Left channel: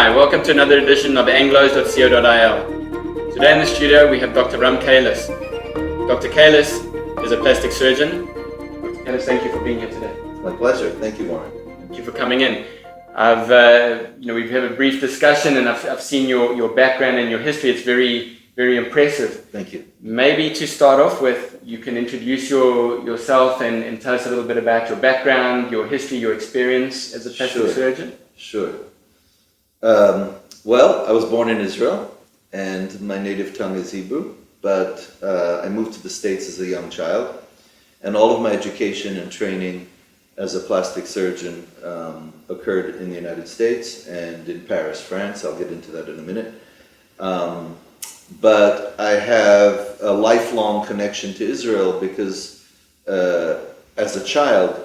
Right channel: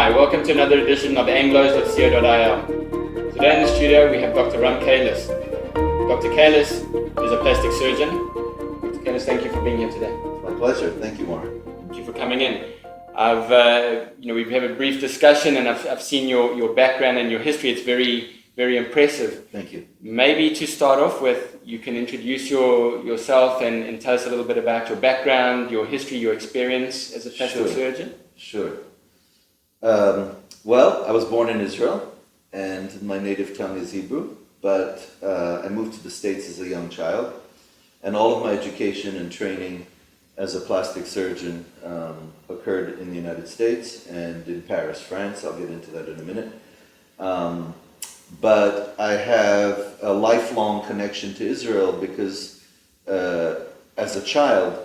Hi, welcome to another edition of anglos.co.il. Today in the studio we have Dr. Kalus. Dr. Kalus is a plastic surgeon. Dr. Kalus, thank you for being here today. My pleasure. Thank you, Warren. Thank you for coming in. We've had a brief discussion, and I've seen your background and your history. It's very, very impressive. Thank you. Maybe to start off with, you can introduce yourself and tell us a little bit about your background, your history, your experience as a plastic surgeon. Sure. Well, I was born in Israel, and my native tongue is Hebrew, but I moved to the States as a young child, and all of my education and training as a plastic surgeon occurred in the United States and in Paris, France. I'll get into that in a minute. But I have a lifelong connection to Israel because as a child,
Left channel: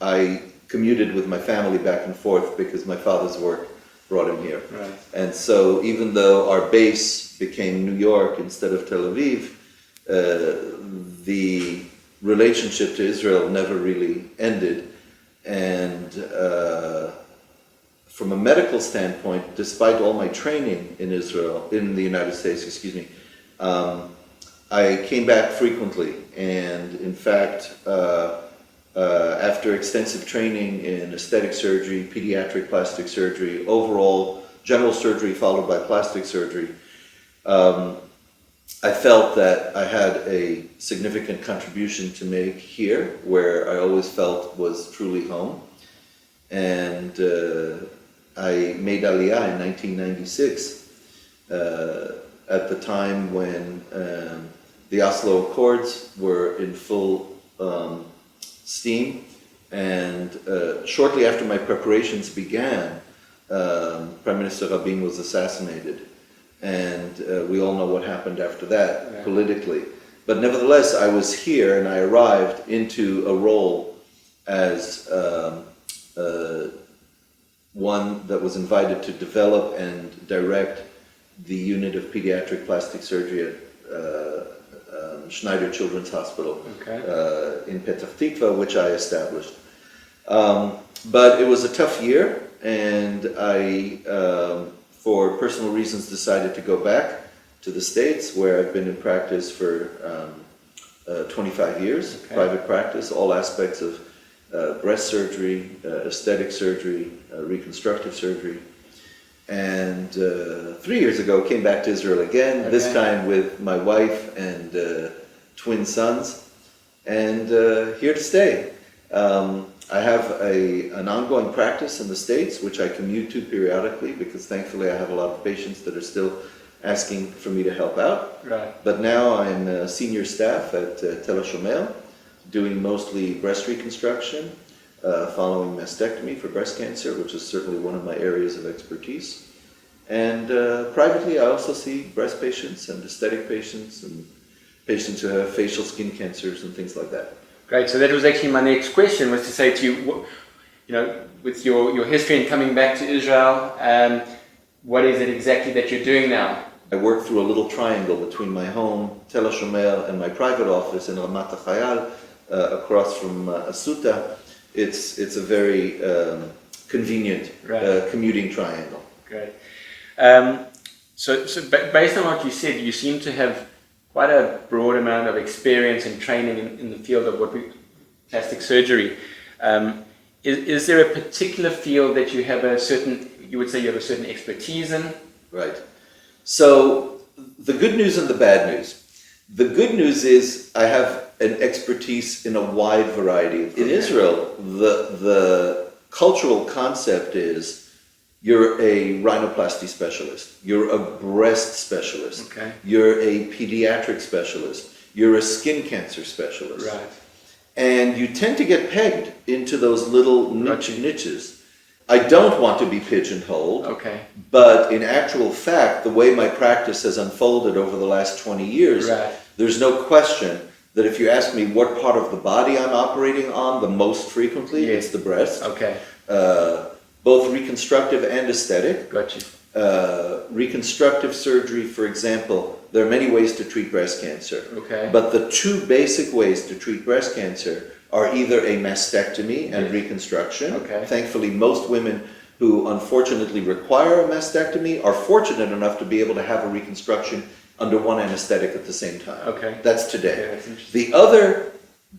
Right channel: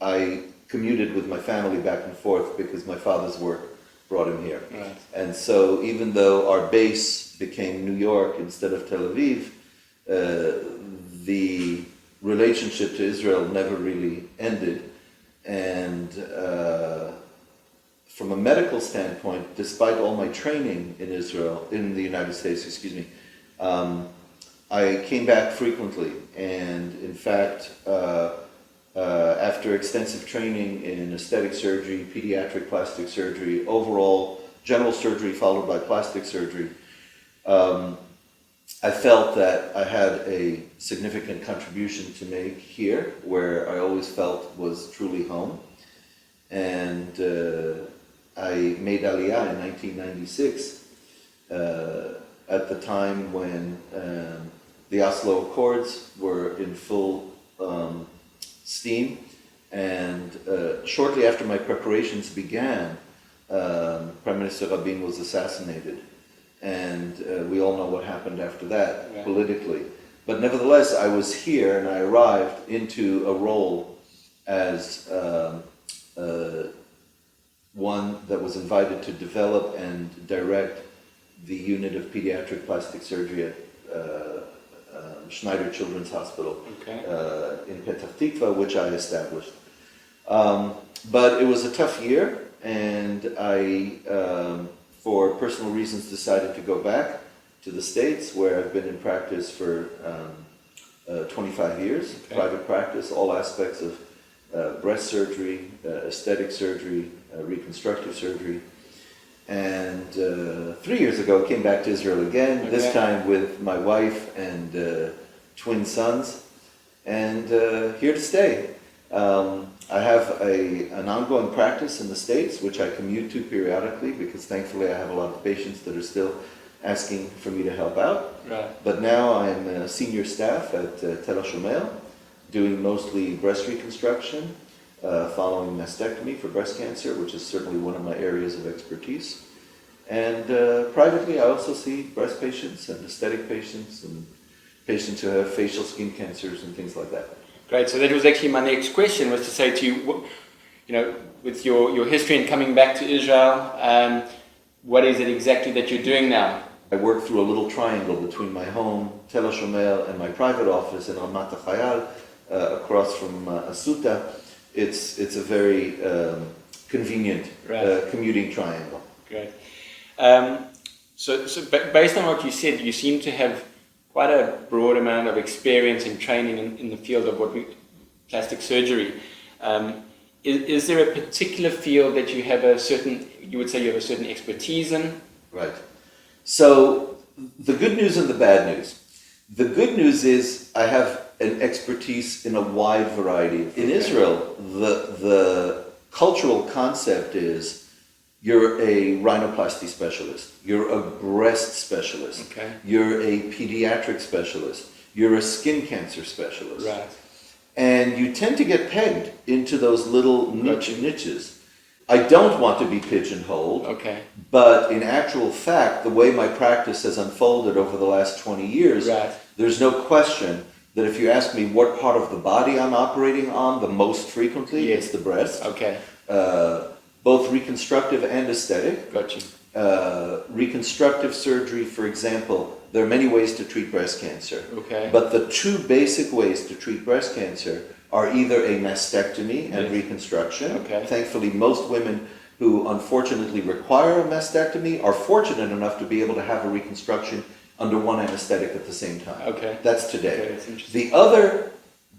I commuted with my family back and forth because my father's work brought him here. Right. And so even though our base became New York instead of Tel Aviv, the relationship to Israel never really ended. And from a medical standpoint, despite all my training in the United States, I came back frequently. And in fact, after extensive training in aesthetic surgery, pediatric plastic surgery, overall general surgery followed by plastic surgery, I felt that I had a significant contribution to make here, where I always felt was truly home. And I made Aliyah in 1996, at the time when the Oslo Accords were in full steam, and shortly after my preparations began, Prime Minister Rabin was assassinated, and we all know what happened after that politically. But nevertheless, I was here, and I arrived into a role as one that was invited to develop and direct the unit of pediatric plastic surgery at Schneider Children's Hospital in Petah Tikva, which I established. But it was a tough year, and I, for personal reasons, decided to go back to the States, where I've been in practice for 25 years, private practice, all aspects of breast surgery, aesthetic surgery, reconstructive surgery. And 3 years ago, came back to Israel again, this time with my wife and twin sons, and here to stay. I have an ongoing practice in the States, which I commute to periodically, because thankfully I have a lot of patients that are still asking for me to help out. Right. But now I'm senior staff at Tel Aviv, doing mostly breast reconstruction, following mastectomy for breast cancer, which is certainly one of my areas of expertise. And privately, I also see breast patients and aesthetic patients and patients who have facial skin cancers and things like that. Great. So that was actually my next question, was to say to you, with your history and coming back to Israel, what is it exactly that you're doing now? I work through a little triangle between my home, Tel Aviv, and my private office in Ramat HaChayal, across from Asuta. It's a very convenient commuting triangle. Great. So based on what you said, you seem to have quite a broad amount of experience and training in the field of plastic surgery. Is there a particular field that you have you would say you have a certain expertise in? Right. So the good news and the bad news. The good news is I have an expertise in a wide variety. In Israel, the cultural concept is you're a rhinoplasty specialist, you're a breast specialist, you're a pediatric specialist, you're a skin cancer specialist. Right. And you tend to get pegged into those little niches. I don't want to be pigeonholed, but in actual fact, the way my practice has unfolded over the last 20 years, there's no question that if you ask me what part of the body I'm operating on the most frequently, it's the breast. Both reconstructive and aesthetic. Reconstructive surgery, for example, there are many ways to treat breast cancer. But the two basic ways to treat breast cancer are either a mastectomy and reconstruction. Thankfully, most women who unfortunately require a mastectomy are fortunate enough to be able to have a reconstruction under one anesthetic at the same time. Okay. That's today. Okay, that's interesting. The other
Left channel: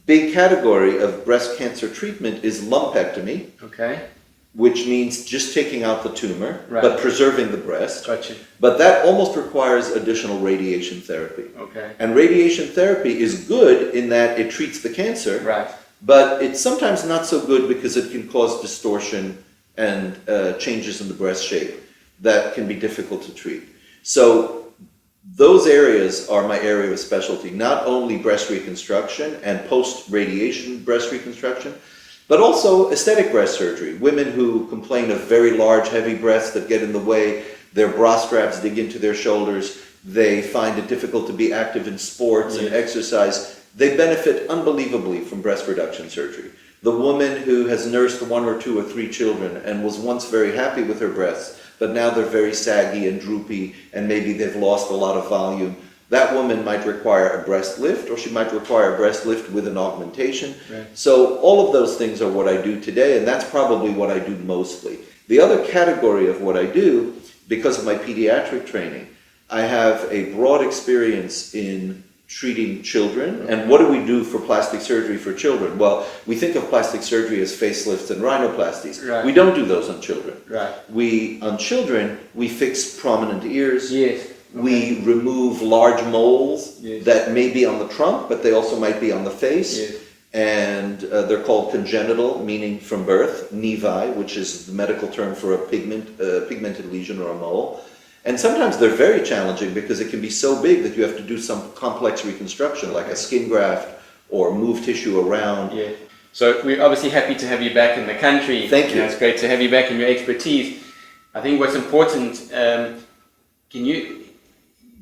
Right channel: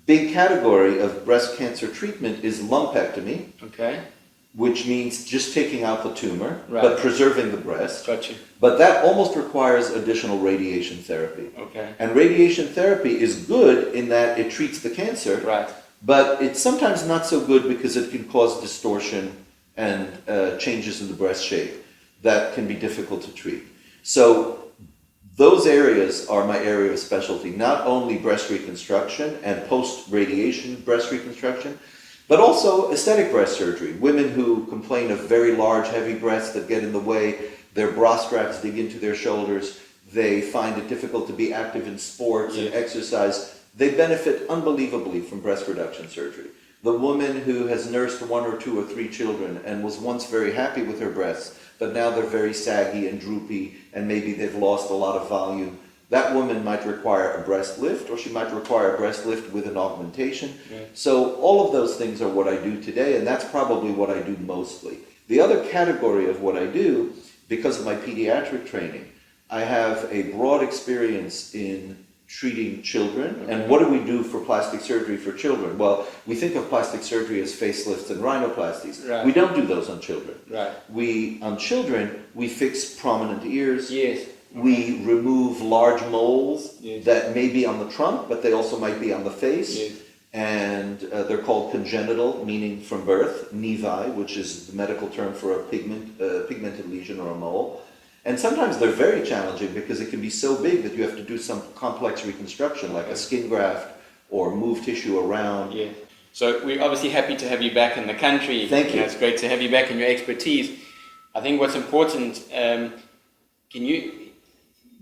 big category of breast cancer treatment is lumpectomy, Okay. which means just taking out the tumor, Right. but preserving the breast. Gotcha. But that almost requires additional radiation therapy. Okay. And radiation therapy is good in that it treats the cancer, Right. but it's sometimes not so good because it can cause distortion and changes in the breast shape that can be difficult to treat. So those areas are my area of specialty, not only breast reconstruction and post-radiation breast reconstruction, but also aesthetic breast surgery. Women who complain of very large, heavy breasts that get in the way, their bra straps dig into their shoulders, they find it difficult to be active in sports and exercise, they benefit unbelievably from breast reduction surgery. The woman who has nursed 1 or 2 or 3 children and was once very happy with her breasts, but now they're very saggy and droopy and maybe they've lost a lot of volume, that woman might require a breast lift, or she might require a breast lift with an augmentation. Right. So all of those things are what I do today, and that's probably what I do mostly. The other category of what I do, because of my pediatric training, I have a broad experience in treating children. And what do we do for plastic surgery for children? Well, we think of plastic surgery as facelifts and rhinoplasties. Right. We don't do those on children. Right. On children, we fix prominent ears. Yes. We remove large moles Yes. that may be on the trunk, but they also might be on the face. Yes. And they're called congenital, meaning from birth, nevi, which is the medical term for a pigmented lesion or a mole. And sometimes they're very challenging because it can be so big that you have to do some complex reconstruction, like a skin graft or move tissue around. Yeah. So we're obviously happy to have you back in the country. Thank you. It's great to have you back in your expertise. I think what's important, can you,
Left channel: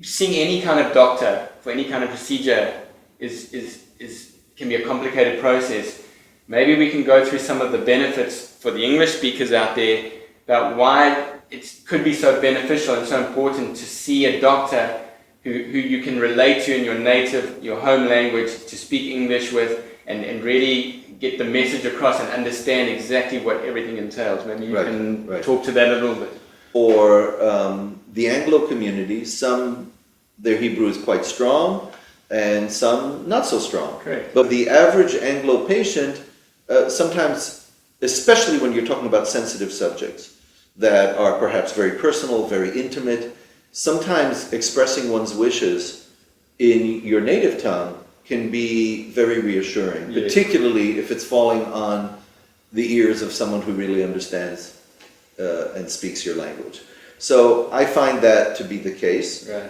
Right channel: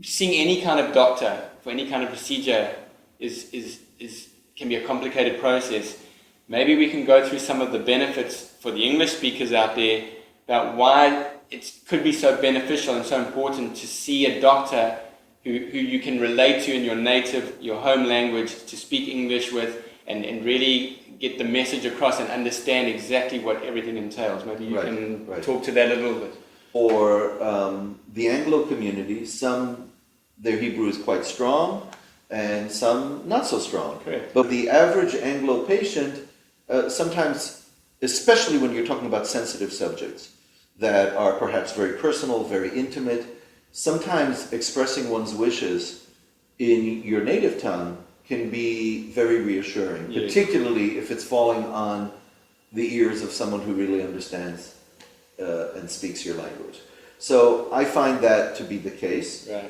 seeing any kind of doctor for any kind of procedure can be a complicated process. Maybe we can go through some of the benefits for the English speakers out there about why it could be so beneficial and so important to see a doctor who you can relate to in your native, your home language, to speak English with, and really get the message across and understand exactly what everything entails. Maybe you can talk to that a little bit. Or the Anglo community, their Hebrew is quite strong, and some not so strong. Correct. But the average Anglo patient, sometimes, especially when you're talking about sensitive subjects that are perhaps very personal, very intimate, sometimes expressing one's wishes in your native tongue can be very reassuring, particularly if it's falling on the ears of someone who really understands and speaks your language. So I find that to be the case. Right.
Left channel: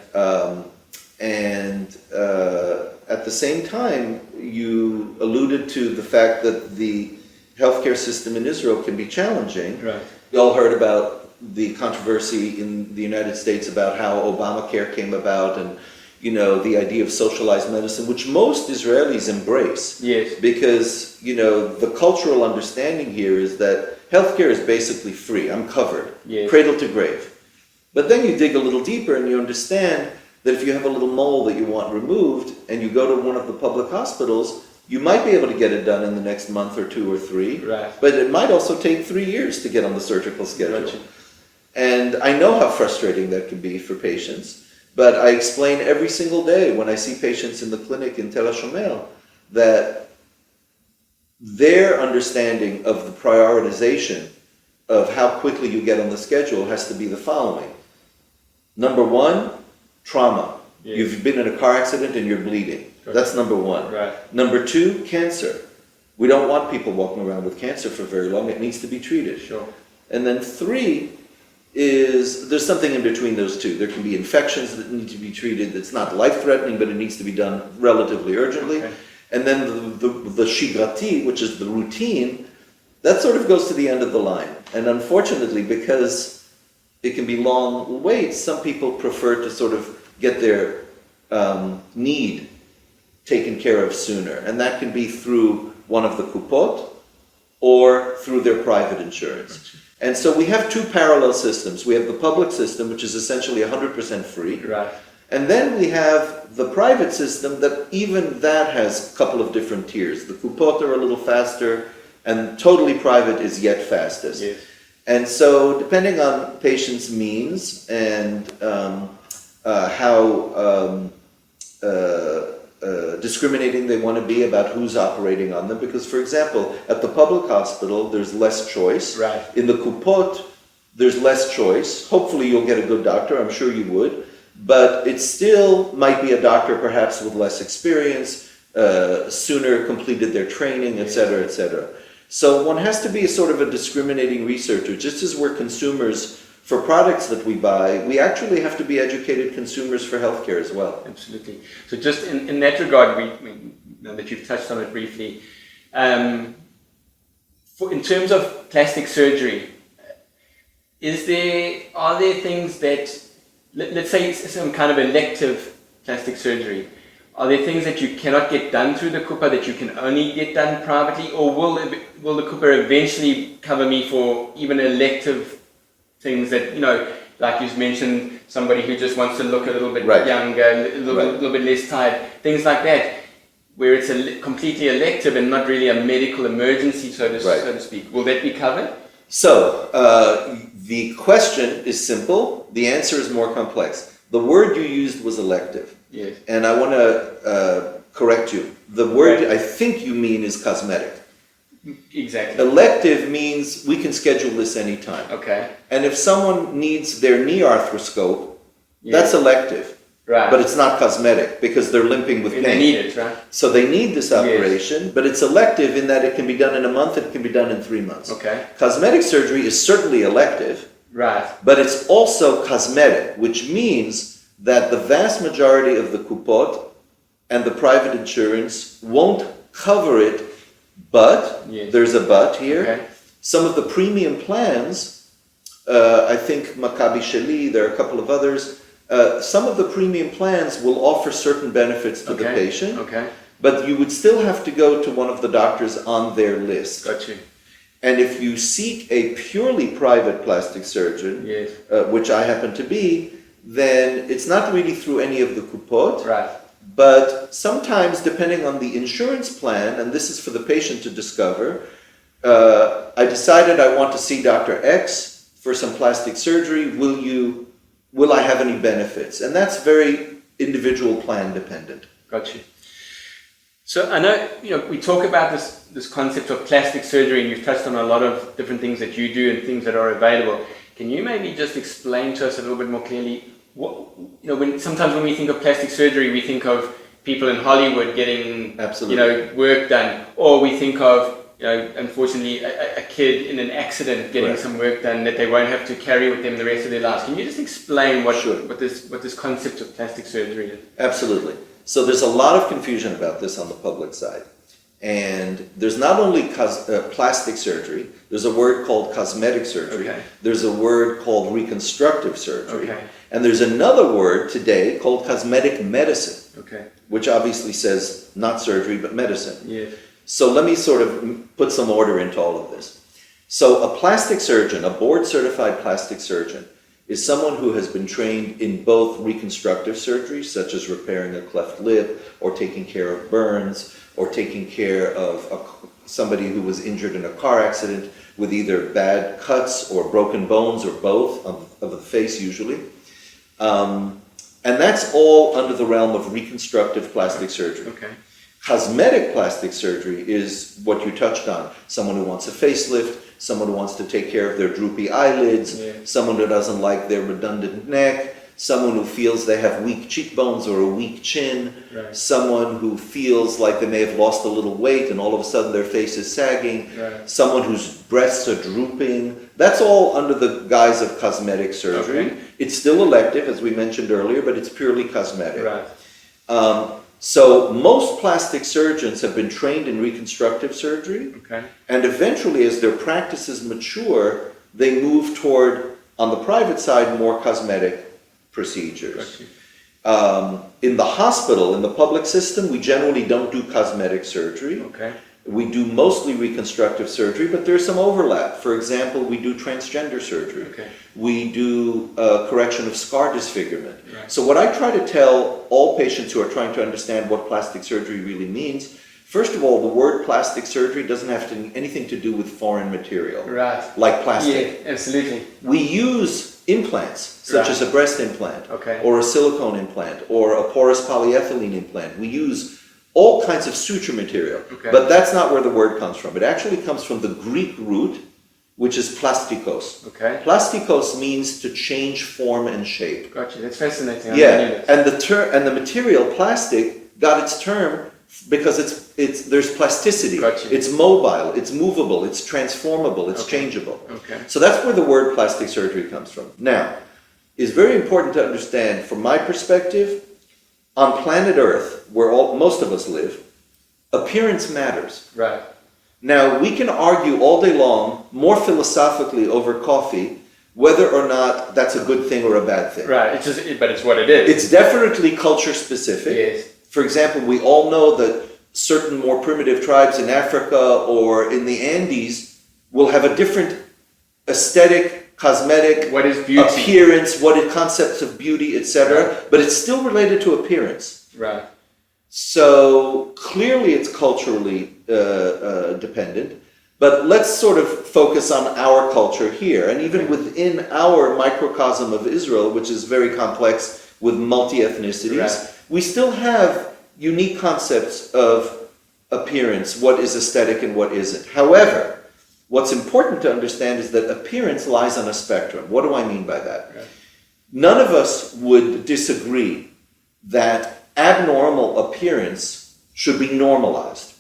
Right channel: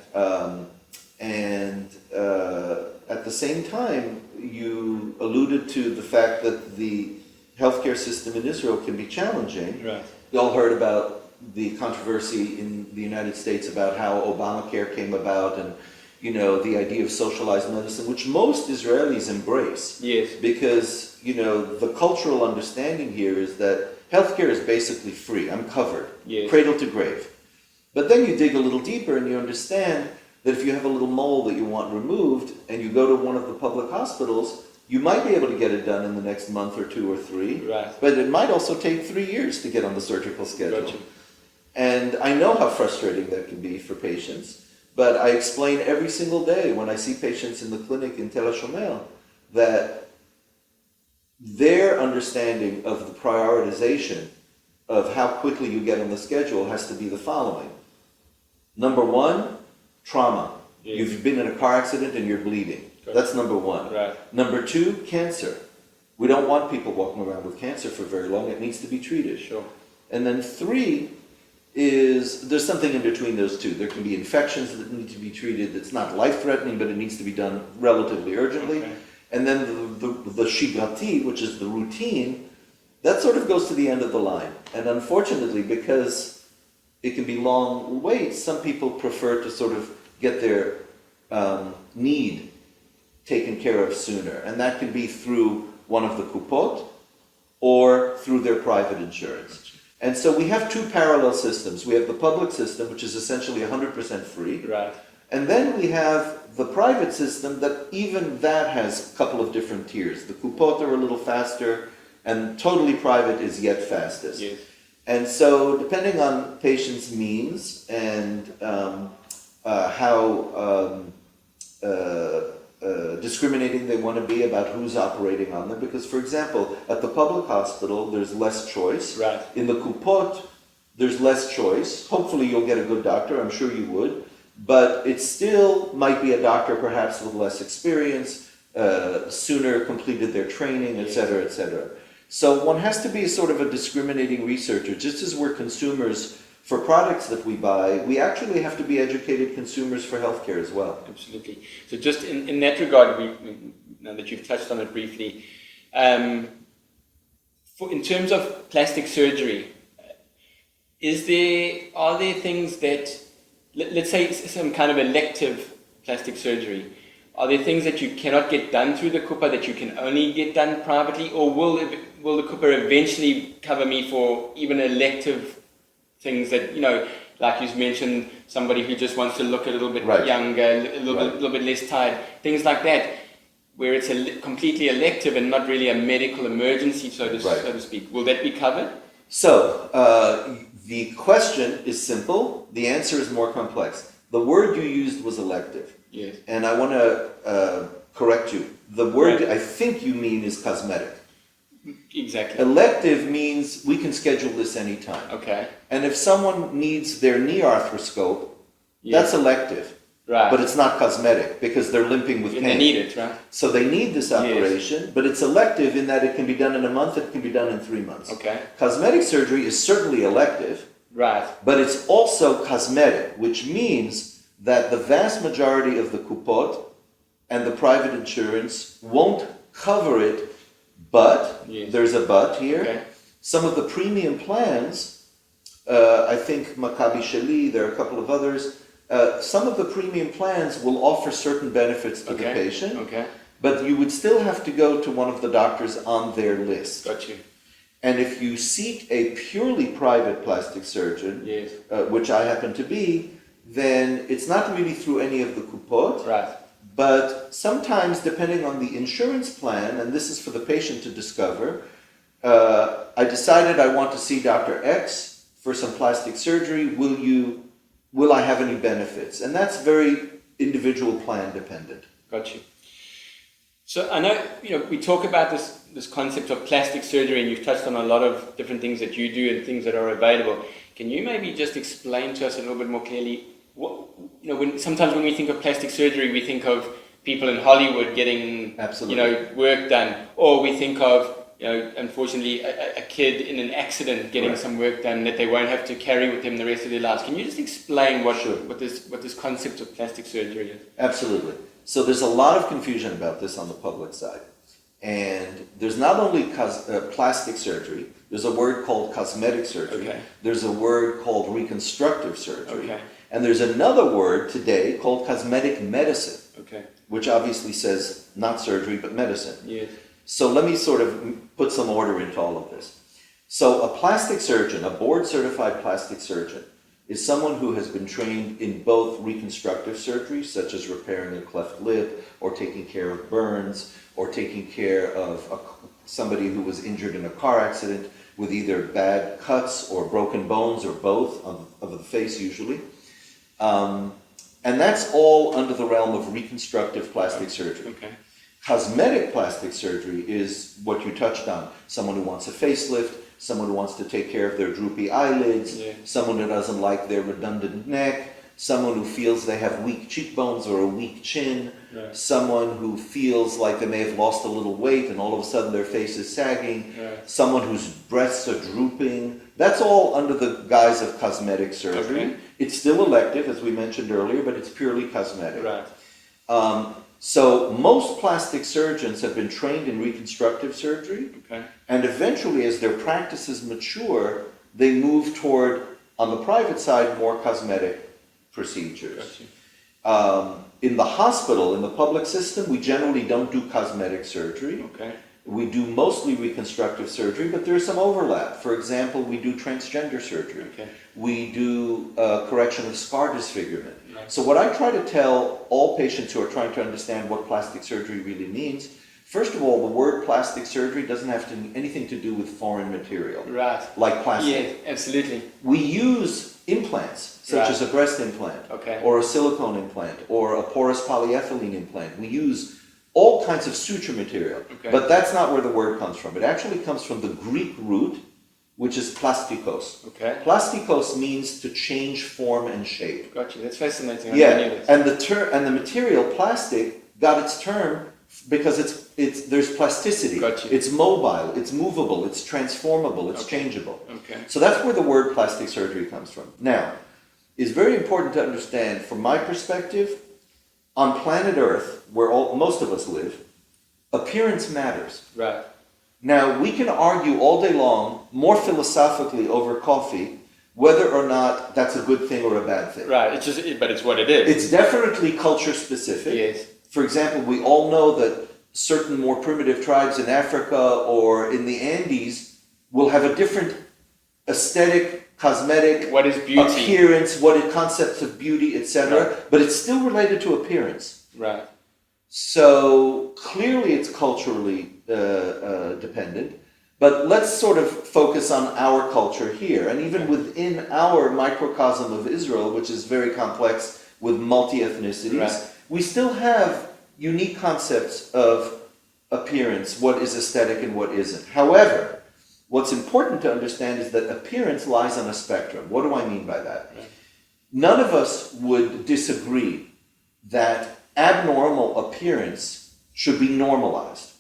At the same time, you alluded to the fact that the healthcare system in Israel can be challenging. Right. You all heard about the controversy in the United States about how Obamacare came about, and the idea of socialized medicine, which most Israelis embrace. Yes. Because the cultural understanding here is that healthcare is basically free. I'm covered, cradle to grave. But then you dig a little deeper and you understand that if you have a little mole that you want removed and you go to one of the public hospitals, you might be able to get it done in the next month or 2 or 3. Right. But it might also take 3 years to get on the surgical schedule. Gotcha. And I know how frustrating that can be for patients, but I explain every single day when I see patients in the clinic in Tel HaShomer that their understanding of the prioritization of how quickly you get on the schedule has to be the following. Number 1, trauma. Yeah. You've been in a car accident and you're bleeding. Gotcha. That's number 1. Right. Number 2, cancer. We don't want people walking around with cancer for very long. It needs to be treated. Sure. And then 3 is, there's something in between those two. There can be infections that need to be treated that's not life-threatening, but it needs to be done relatively urgently. Okay. And then the shigrati, which is the routine, that sort of goes to the end of the line. And unfortunately, because it can be long waits, some people prefer to sort of get their need taken care of sooner. And that can be through one of the Kupot or through their private insurance. And so we have 2 parallel systems. We have the public system, which is essentially 100% free. Right. And then we have the private system that even that has a couple of different tiers. The Kupot are a little faster, and totally private is yet fastest. Yes. And so depending on patients' means and how discriminating they want to be about who's operating on them, because for example, at the public hospital, there's less choice. Right. In the Kupot, there's less choice. Hopefully you'll get a good doctor, I'm sure you would, but it still might be a doctor perhaps with less experience, sooner completed their training, etc., etc. So one has to be a sort of a discriminating researcher. Just as we're consumers for products that we buy, we actually have to be educated consumers for healthcare as well. Absolutely. So just in that regard, we know that you've touched on it briefly. In terms of plastic surgery, are there things that, let's say it's some kind of elective plastic surgery, are there things that you cannot get done through the Kupot that you can only get done privately, or will the Kupot eventually cover me for even elective things that, like you mentioned, somebody who just wants to look a little bit younger, a little bit less tired, things like that, where it's completely elective and not really a medical emergency, so to speak. Will that be covered? So, the question is simple, the answer is more complex. The word you used was elective. Yes. And I want to correct you. The word I think you mean is cosmetic. Exactly. Elective means we can schedule this anytime. Okay. And if someone needs their knee arthroscope, that's elective. Right. But it's not cosmetic because they're limping with pain. They need it, right? So they need this operation, but it's elective in that it can be done in a month, it can be done in 3 months. Okay. Cosmetic surgery is certainly elective, right, but it's also cosmetic, which means that the vast majority of the Kupot and the private insurance won't cover it, but, there's a but here, some of the premium plans, I think Maccabi Sheli, there are a couple of others, some of the premium plans will offer certain benefits to the patient, but you would still have to go to one of the doctors on their list. Got you. And if you seek a purely private plastic surgeon, which I happen to be, then it's not really through any of the Kupot, but sometimes depending on the insurance plan, and this is for the patient to discover, I decided I want to see Dr. X for some plastic surgery, will I have any benefits? And that's very individual plan dependent. Got you. So I know, we talk about this concept of plastic surgery, and you've touched on a lot of different things that you do and things that are available. Can you maybe just explain to us a little bit more clearly, sometimes when we think of plastic surgery, we think of people in Hollywood getting, work done, or we think of, unfortunately, a kid in an accident getting some work done that they won't have to carry with them the rest of their lives. Can you just explain what this concept of plastic surgery is? Absolutely. So there's a lot of confusion about this on the public side. And there's not only plastic surgery, there's a word called cosmetic surgery, there's a word called reconstructive surgery, and there's another word today called cosmetic medicine, which obviously says not surgery but medicine. So let me sort of put some order into all of this. So a plastic surgeon, a board-certified plastic surgeon, is someone who has been trained in both reconstructive surgery, such as repairing a cleft lip, or taking care of burns, or taking care of somebody who was injured in a car accident with either bad cuts or broken bones or both of the face usually. And that's all under the realm of reconstructive plastic surgery. Cosmetic plastic surgery is what you touched on. Someone who wants a facelift, someone who wants to take care of their droopy eyelids, someone who doesn't like their redundant neck, someone who feels they have weak cheekbones or a weak chin, someone who feels like they may have lost a little weight and all of a sudden their face is sagging, someone whose breasts are drooping. That's all under the guise of cosmetic surgery. It's still elective, as we mentioned earlier, but it's purely cosmetic. So most plastic surgeons have been trained in reconstructive surgery, and eventually as their practices mature, they move toward, on the private side, more cosmetic procedures. In the hospital, in the public system, we generally don't do cosmetic surgery. We do mostly reconstructive surgery, but there's some overlap. For example, we do transgender surgery. We do correction of scar disfigurement. So what I try to tell all patients who are trying to understand what plastic surgery really means, First of all, the word plastic surgery doesn't have anything to do with foreign material. Right. Like plastic. Yeah, absolutely. We use implants, such Right. as a breast implant, Okay. or a silicone implant, or a porous polyethylene implant. We use all kinds of suture material. Okay. But that's not where the word comes from. It actually comes from the Greek root, which is plastikos. Okay. Plastikos means to change form and shape. Gotcha. That's fascinating. Yeah, and the material plastic got its term because there's plasticity. Gotcha. It's mobile, it's movable, it's transformable, it's Okay. changeable. Okay. So that's where the word plastic surgery comes from. Now, it's very important to understand, from my perspective, on planet Earth, where most of us live, appearance matters. Right. Now, we can argue all day long, more philosophically over coffee, whether or not that's a good thing or a bad thing. Right. But it's what it is. It's definitely culture specific. Yes. For example, we all know that certain more primitive tribes in Africa or in the Andes will have a different aesthetic, cosmetic, What is beauty? appearance, concepts of beauty, etc. Right. But it's still related to appearance. Right. So clearly it's culturally dependent, but let's sort of focus on our culture here. And even within our microcosm of Israel, which is very complex with multi-ethnicities, Right. we still have unique concepts of appearance, what is aesthetic and what isn't. However, what's important to understand is that appearance lies on a spectrum. What do I mean by that? Right. None of us would disagree that abnormal appearance should be normalized.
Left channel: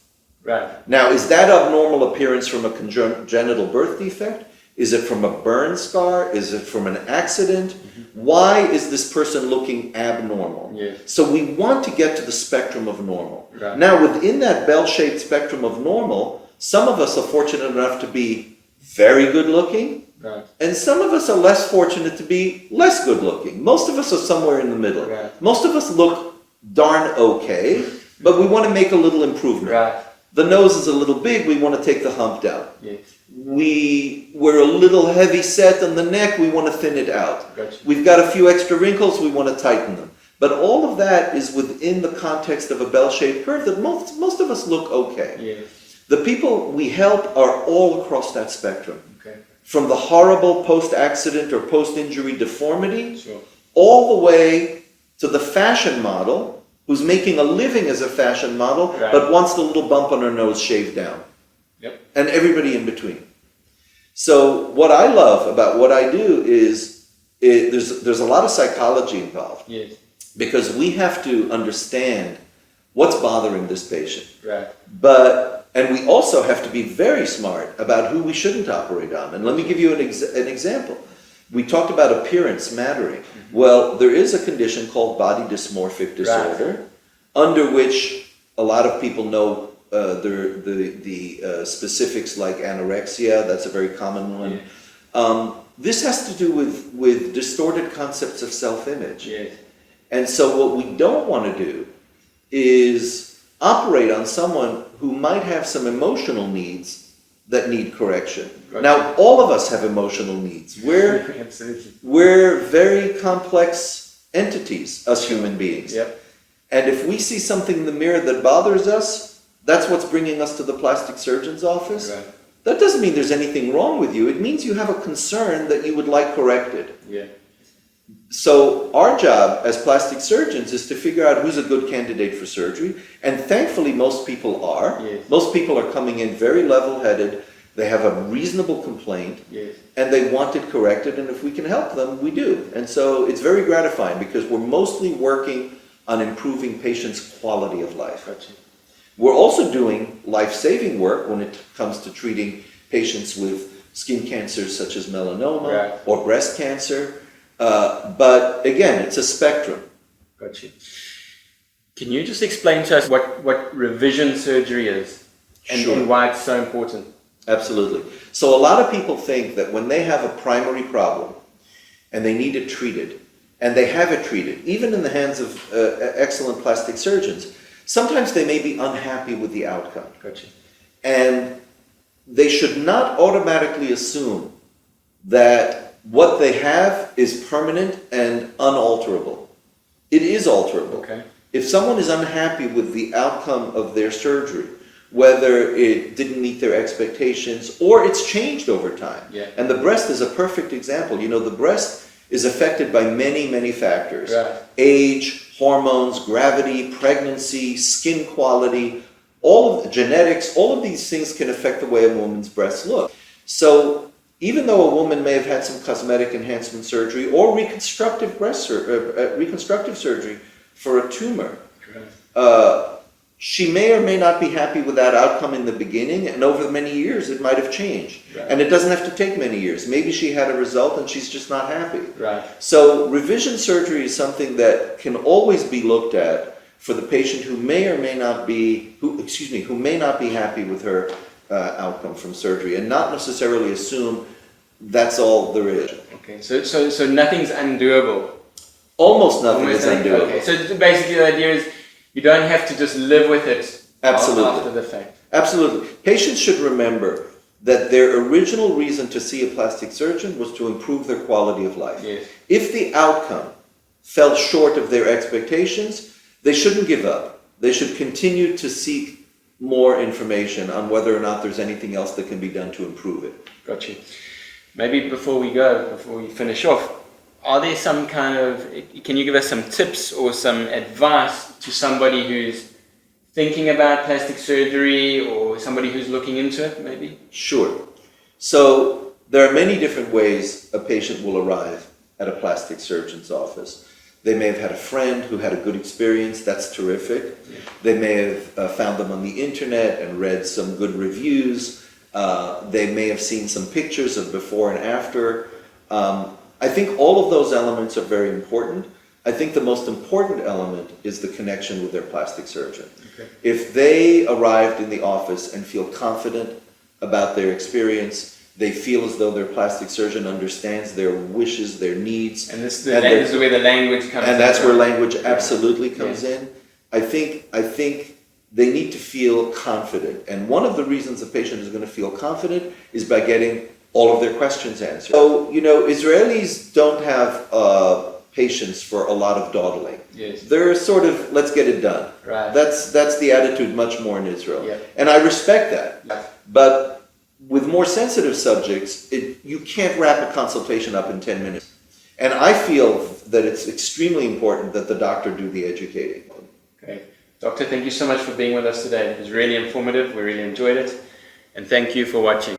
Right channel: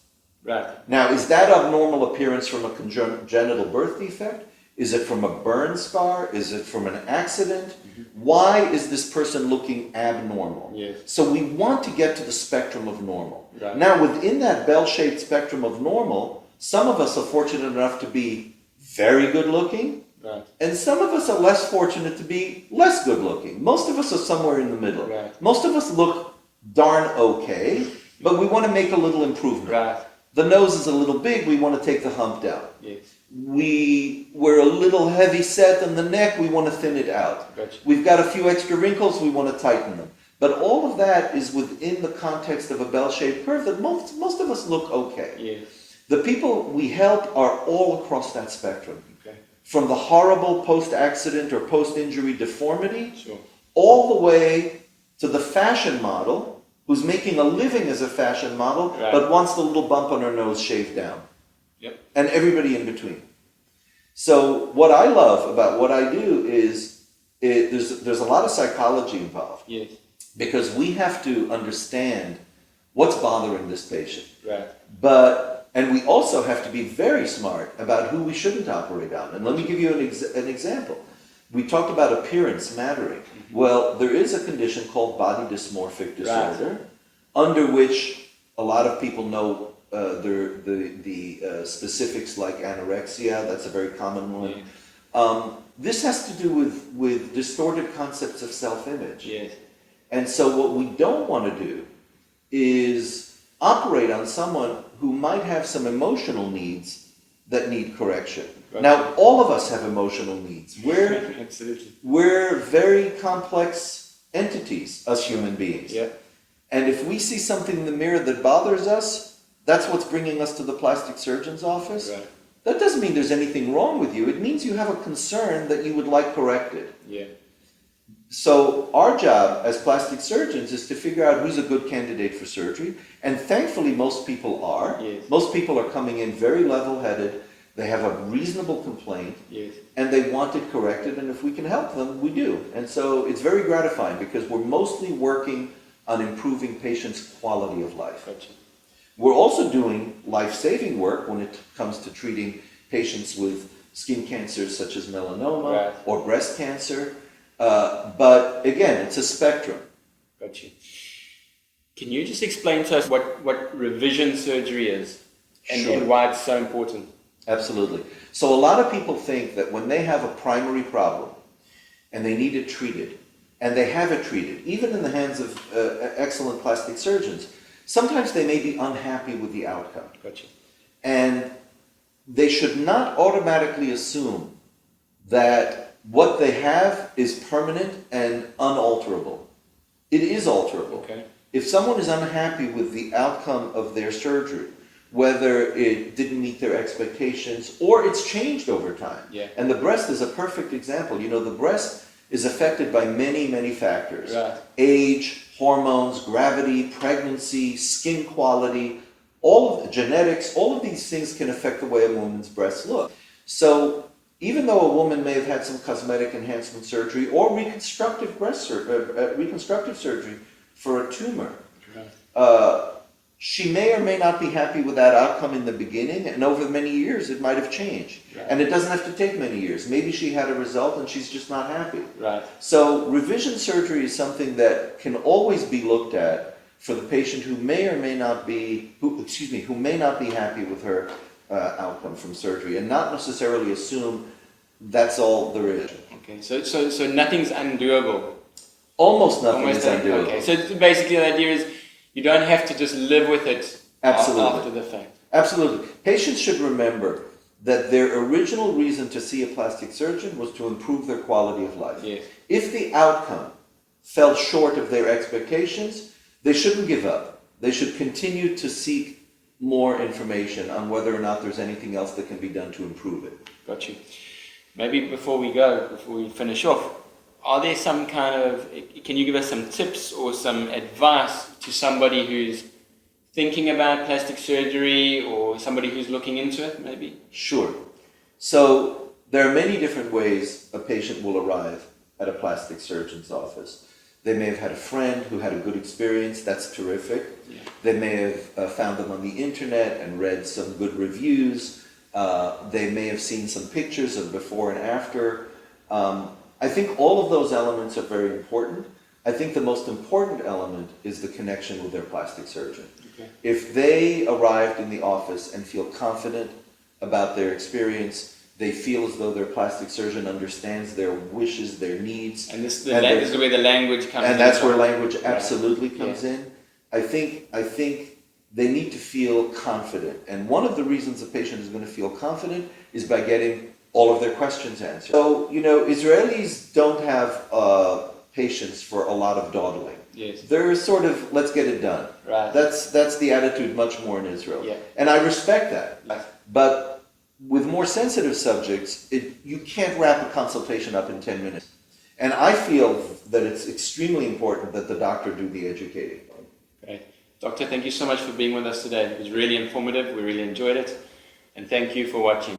Right. Now, is that abnormal appearance from a congenital birth defect? Is it from a burn scar? Is it from an accident? Why is this person looking abnormal? Yes. So we want to get to the spectrum of normal. Right. Now, within that bell-shaped spectrum of normal, some of us are fortunate enough to be very good looking, Right. and some of us are less fortunate to be less good looking. Most of us are somewhere in the middle. Right. Most of us look darn okay, but we want to make a little improvement. Right. The nose is a little big, we want to take the hump down. Yes. We're a little heavy set on the neck, we want to thin it out. Gotcha. We've got a few extra wrinkles, we want to tighten them. But all of that is within the context of a bell-shaped curve that most of us look okay. Yes. The people we help are all across that spectrum. Okay. From the horrible post-accident or post-injury deformity, Sure. all the way to the fashion model who's making a living as a fashion model, Right. but wants the little bump on her nose shaved down. Yep. And everybody in between. So what I love about what I do is there's a lot of psychology involved, Yes. because we have to understand what's bothering this patient. Right. And we also have to be very smart about who we shouldn't operate on. And let me give you an example. We talked about appearance mattering. Well, there is a condition called body dysmorphic disorder, under which a lot of people know the specifics like anorexia. That's a very common one. Yes. This has to do with distorted concepts of self-image. Yes. And so what we don't want to do is operate on someone who might have some emotional needs that need correction. Right. Now, all of us have emotional needs. Absolutely. We're very complex entities as human beings. Yep. And if we see something in the mirror that bothers us, that's what's bringing us to the plastic surgeon's office. Right. That doesn't mean there's anything wrong with you. It means you have a concern that you would like corrected. Yeah. So our job as plastic surgeons is to figure out who's a good candidate for surgery. And thankfully, most people are. Yes. Most people are coming in very level-headed. They have a reasonable complaint. Yes. And they want it corrected. And if we can help them, we do. And so it's very gratifying because we're mostly working on improving patients' quality of life. Gotcha. We're also doing life-saving work when it comes to treating patients with skin cancers such as melanoma Right. or breast cancer. But again, it's a spectrum. Got you. Can you just explain to us what revision surgery is and, Sure. and why it's so important? Absolutely. So a lot of people think that when they have a primary problem and they need it treated, and they have it treated, even in the hands of excellent plastic surgeons, sometimes they may be unhappy with the outcome. Got you. And they should not automatically assume that what they have is permanent and unalterable. It is alterable. Okay. If someone is unhappy with the outcome of their surgery, whether it didn't meet their expectations, or it's changed over time. Yeah. And the breast is a perfect example. You know, the breast is affected by many, many factors. Right. Age, hormones, gravity, pregnancy, skin quality, all of the genetics, all of these things can affect the way a woman's breasts look. So even though a woman may have had some cosmetic enhancement surgery or reconstructive reconstructive surgery for a tumor, she may or may not be happy with that outcome in the beginning, and over many years it might have changed. Right. And it doesn't have to take many years. Maybe she had a result and she's just not happy. Right. So revision surgery is something that can always be looked at for the patient who may or may not be, who may not be happy with her outcome from surgery, and not necessarily assume that's all there is. Okay, so nothing's undoable. Almost nothing is undoable. Okay, so basically the idea is you don't have to just live with it after the fact. Absolutely. Patients should remember that their original reason to see a plastic surgeon was to improve their quality of life. Yes. If the outcome fell short of their expectations, they shouldn't give up. They should continue to seek more information on whether or not there's anything else that can be done to improve it. Got you. Maybe before we finish off, are there some kind of, can you give us some tips or some advice to somebody who's thinking about plastic surgery or somebody who's looking into it, maybe? Sure. So there are many different ways a patient will arrive at a plastic surgeon's office. They may have had a friend who had a good experience. That's terrific. Yeah. They may have found them on the internet and read some good reviews. They may have seen some pictures of before and after. I think all of those elements are very important. I think the most important element is the connection with their plastic surgeon. Okay. If they arrived in the office and feel confident about their experience, they feel as though their plastic surgeon understands their wishes, their needs. And this is where the language comes in. And that's where language absolutely comes in. I think they need to feel confident. And one of the reasons a patient is going to feel confident is by getting all of their questions answered. So, you know, Israelis don't have patience for a lot of dawdling. Yes. They're sort of, let's get it done. Right. That's the attitude much more in Israel. Yep. And I respect that. Right. But with more sensitive subjects, you can't wrap a consultation up in 10 minutes. And I feel that it's extremely important that the doctor do the educating. Okay. Doctor, thank you so much for being with us today. It was really informative. We really enjoyed it. And thank you for watching.